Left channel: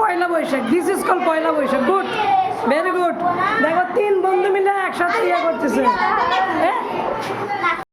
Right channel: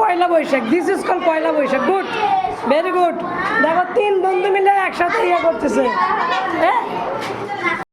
Poila Boishakh, this is call Poila Boishakh. Good, very good. দেখো 3 বন্ধু মিলে একসাথে ইয়ে করতেছে। হ্যাঁ